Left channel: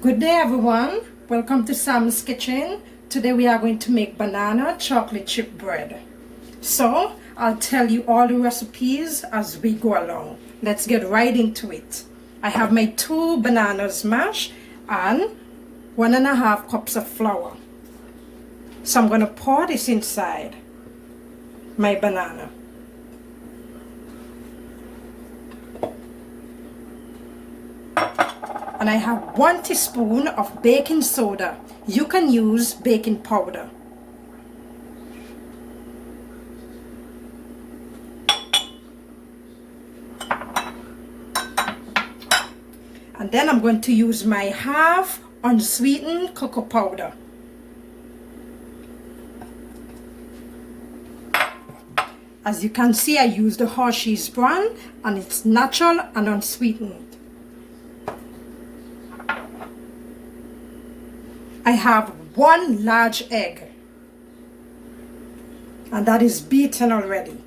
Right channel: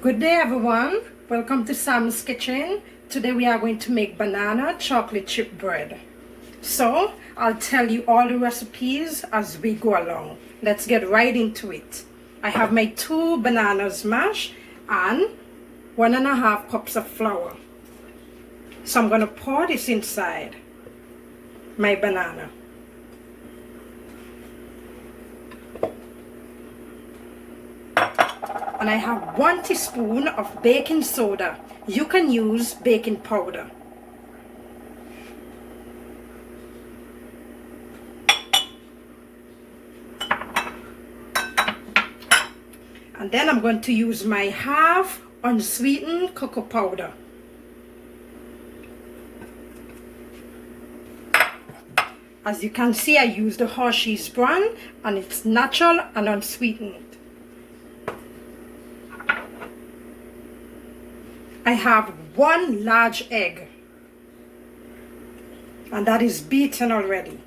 Good day everyone, welcome to Sam's Kitchen. Today we are going to make banana chocolate chip bread. So I'll tell you all the recipes as we go along. Let's get right into it. I have my 2 bananas mashed and 1.5 cups of flour. So I'm going to pour this inside my banana. And I have 1 teaspoon of baking soda. You can use baking powder. And then I'm going to use my half unsweetened cocoa powder. As you can see, I use the Hershey's brand and it's natural and unsweetened. I have 1 large egg and that is beaten already.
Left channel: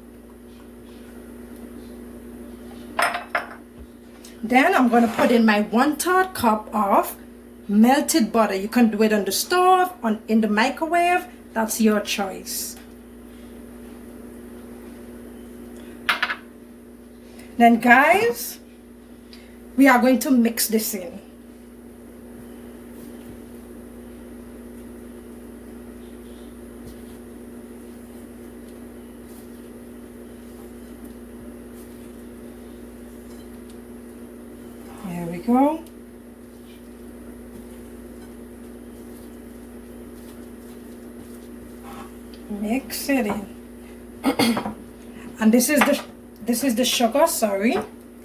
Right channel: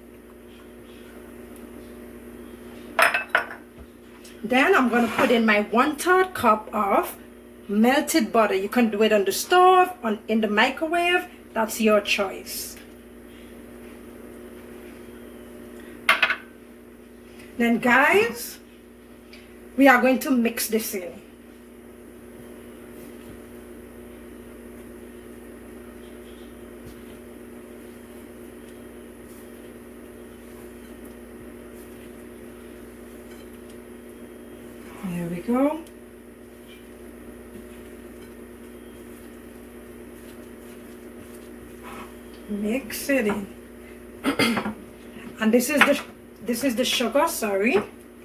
Then I'm going to put in my 1/3 cup of melted butter. You can do it on the stove, in the microwave, that's your choice. Then guys, we are going to mix this in. There we go. Mix it in. And this is the sugar, sorry.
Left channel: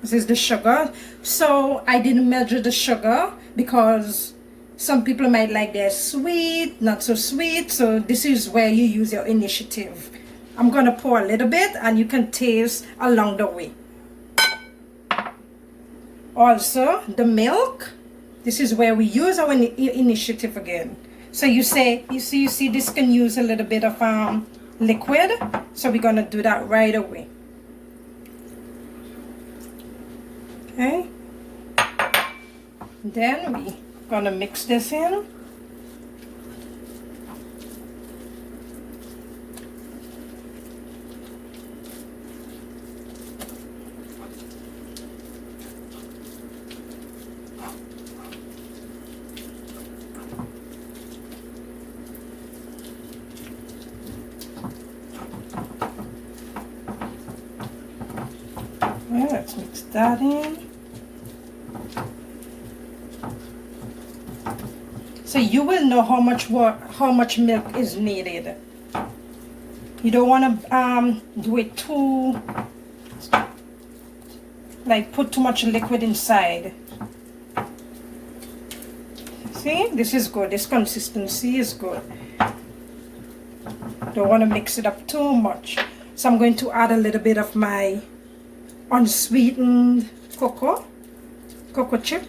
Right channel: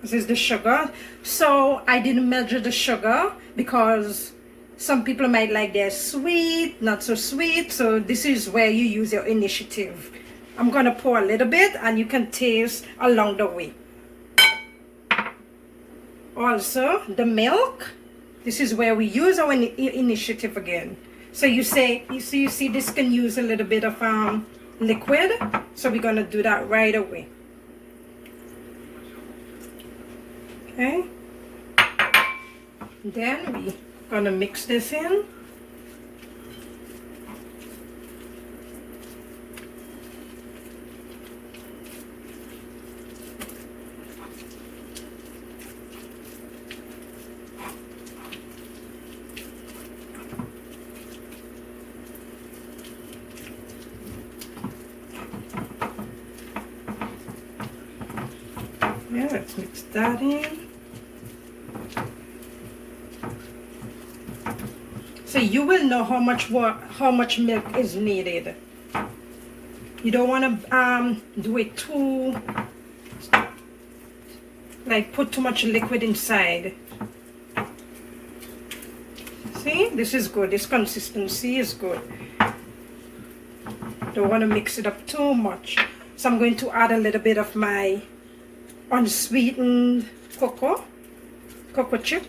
This is the sugar. So I didn't measure the sugar because some people might like their sweet, not so sweet. So this is where you use your initiative. I'm gonna pour a little bit and you can taste along the way. Also, the milk, this is where we use our initiative again. So you see this can use a little bit of liquid. So we're gonna do that right away. Okay. Then we're gonna mix this in. Let's mix that in. So you will know how much milk is needed. You don't want to do it too, like put too much liquid inside. See, this is good. This consistency is good. Don't want to mix it up too much. So I'm going to add a little bit of my unsweetened cocoa chip.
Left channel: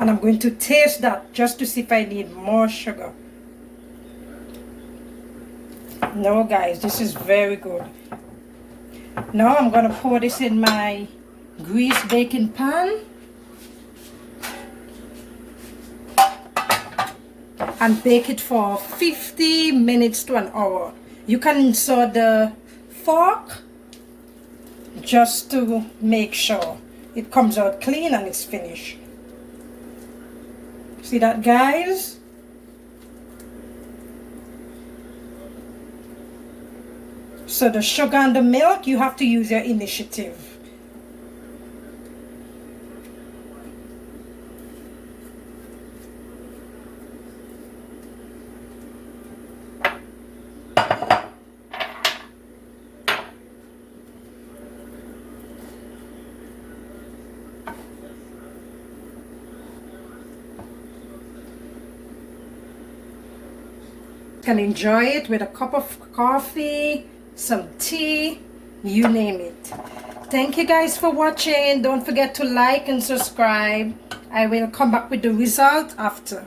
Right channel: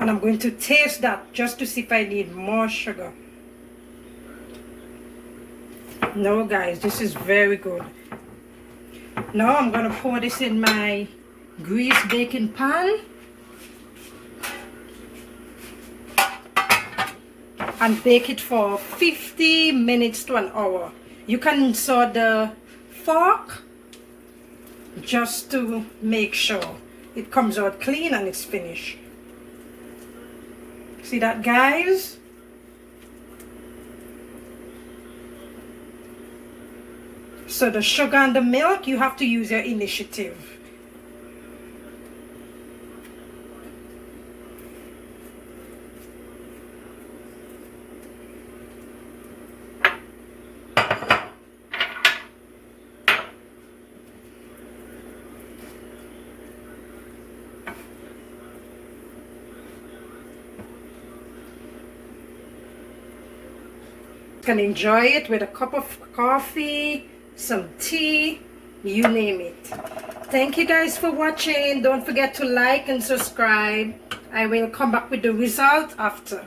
And I'm going to taste that just to see if I need more sugar. No guys, this is very good. Now I'm going to pour this in my greased baking pan and bake it for 50 minutes to an hour. You can insert the fork just to make sure it comes out clean and it's finished. See that guys? So the sugar and the milk, you have to use your initiative. Can enjoy it with a cup of coffee, some tea, you name it. Thank you guys for watching. Don't forget to like and subscribe. I will come back with the result after.